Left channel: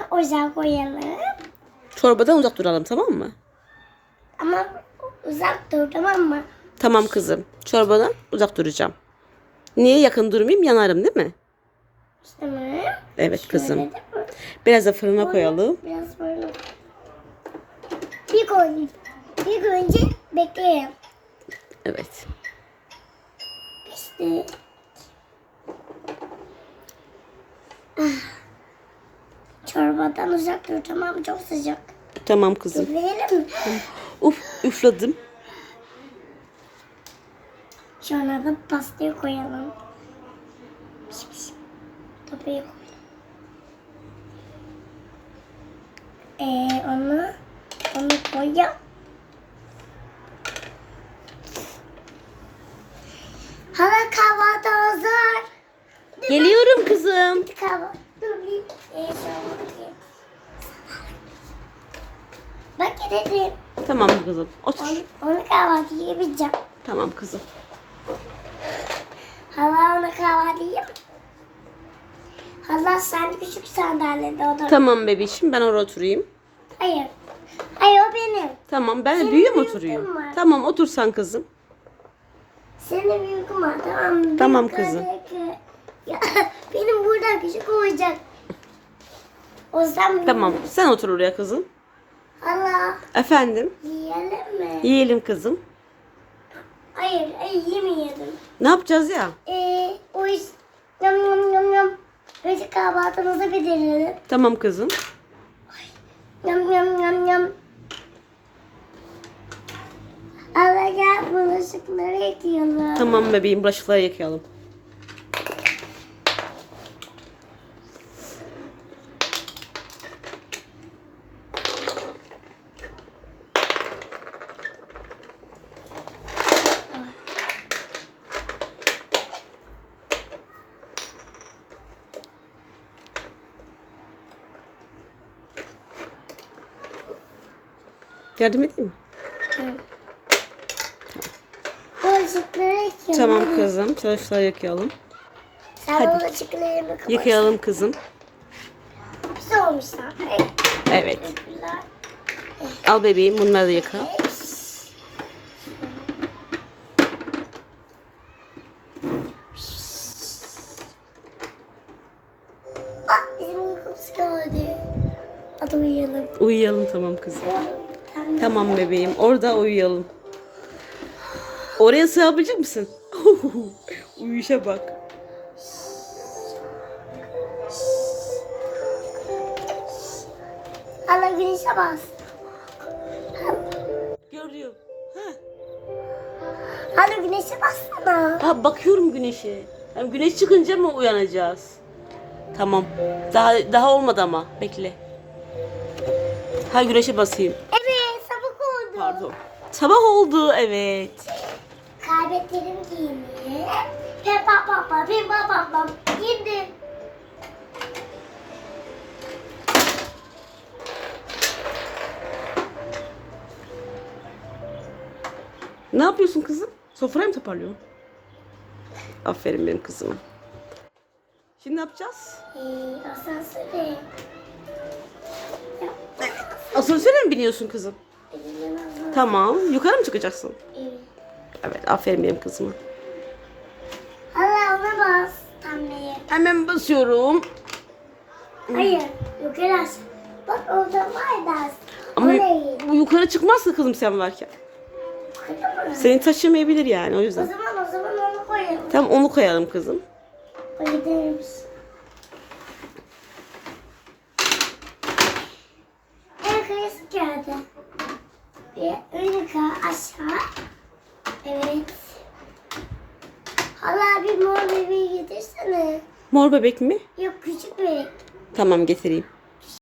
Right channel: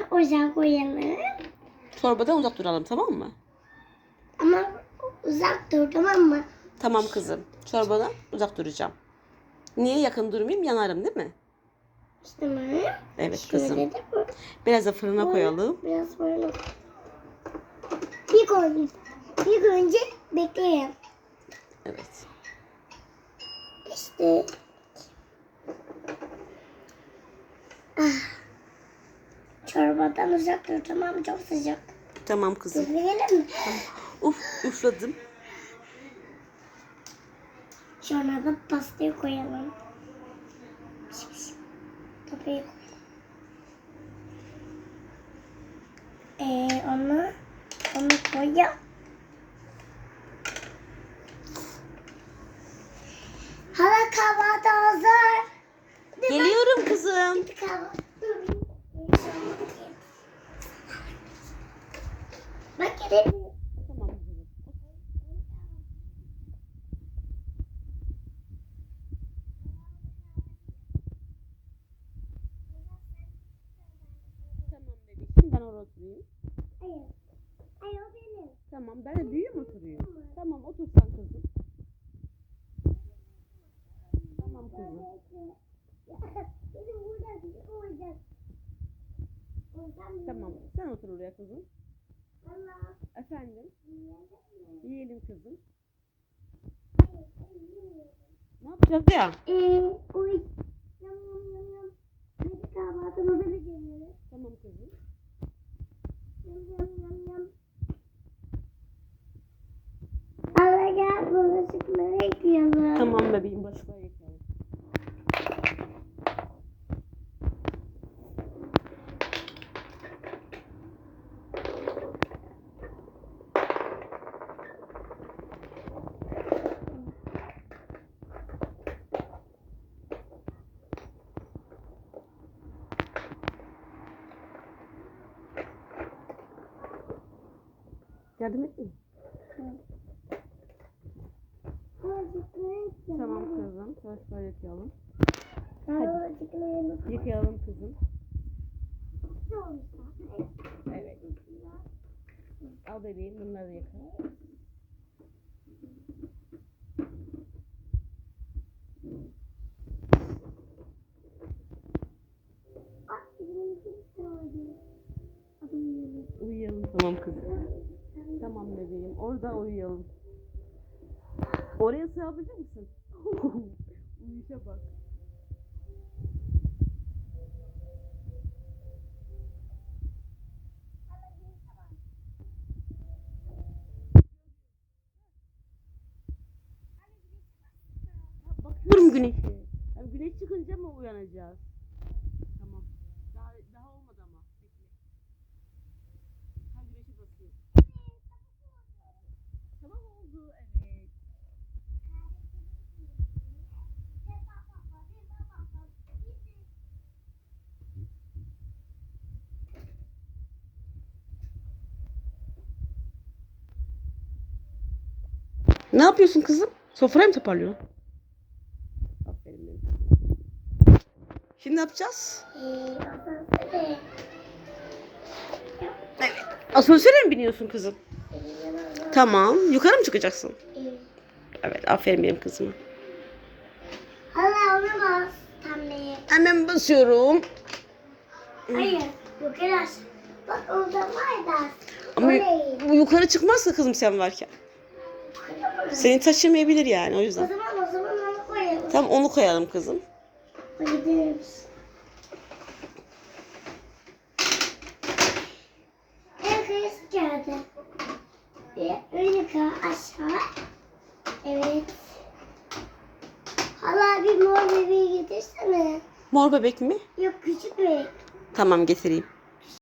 Sonra ocağa koyalım. Çorbadan uzak duralım tamam mı? Ama uzak dur tamam mı? Tamam kızım. Çorbadan uzak duracağım. Niye yakın durmayayım? Yanarım değil mi? Mi? Evet kızım. Şöyle bu. Biraz da fırına koyalım. Biraz böyle. Bir koy. Bir önce bekleyelim. Evet. İşte. Çorbadan uzak dur tamam mı? Çok sıcak. Tamam kızım. Üfleyelim mi? Uf üfledim. Sonra da pastayı koyalım. Topayı koyalım. Ee, onu onu koyalım. Hala kahvaltı hazır. Geliyorum kızım. Kahvaltı. Dur bir. Ee, şöyle bakayım. Bak dedim. Tamam kızım. Otur. Onu, onu kahvaltı yapacağım. Tamam kızım. Hala ona kahvaltı yap. Hala sen küçük sandalyede otur. Tamam bebişim ben oraya oturayım. Hayır. Hayır o benim. Tamam ben Senin büyüğüm büyüğün oturuyorum. var. Tamam otursan kızım. Senin büyüküm var tamam mı? Tamam Benim kızım. Ya, benim buradan küçük olacak. O yüzden Tamam sen otur oraya kızım. Hala Efendim yiyelim mi? yiyelim kızım. Hayır, hayır yemeyelim. Ne yapacağız ya? Ee, o iş yam yam yam yam. Önce kahvaltımızı bitirelim. Tamam kızım. Yam yam yam yam. Hala gel bulaşıkları yıkayalım. Tamam bebeğim bulaşıkları yıkayalım. Yardım edeyim mi? Bulaşıkları yıkayalım. Tamam kızım. Bulaşıkları yıkayalım. Sen Hadi. bulaşıklarımı kapat. Yıkayalım kızım. Güzel olmuşlar. Evet. Evet. Al bebeğim bunları da yıka. Bak bizim uykumuz geldi. Hadi uyuyalım. Uyuyalım tamam kızım. Tamam. Bebeğim. Orada uyuyalım. Oraya sığabilecek misin? Uyuşa bak. Hala güneşe bas. Görüyorum. Hala güneşe bassana. Ha bakıyorum güneşe. Hem güneş çıkınca mı uyanacağız? Tamam. Daha daha olmadı ama. Bekle. Ha güneşe basayım. Evet oldu. Sabah oldu evet. Kaybetlerim giyini. Peppa papa peppa papa giydim. Ne yapıyorsun kızım? Sofrayı mı toparlıyorsun? Aferin benim kızıma. Şimdi ne yapacağız? Ee, asansöre. Asansöre mi biniyorsun kızım? Elinden aldım. Tamam. Yukarı mı çıkacaksın? Evet. Evet aferin benim kızıma. Hala ona bas. Tamleye. Hemen basıyorum. Hayır. Yukarı aç. Bak orada var da. Ama O yu- bu yukarı çıkmazsa kızım sen varken. Seni taşımayabilir yani o O yüzden. zaman o zaman onu koyalım. Tamam onu koyalım kızım. En kıyısı geldi. Bir önüka aşağı. Evet. Hala bir mor bebeği getirsene. Mor bebek mi? Yok küçük bebek. Tamam getireyim.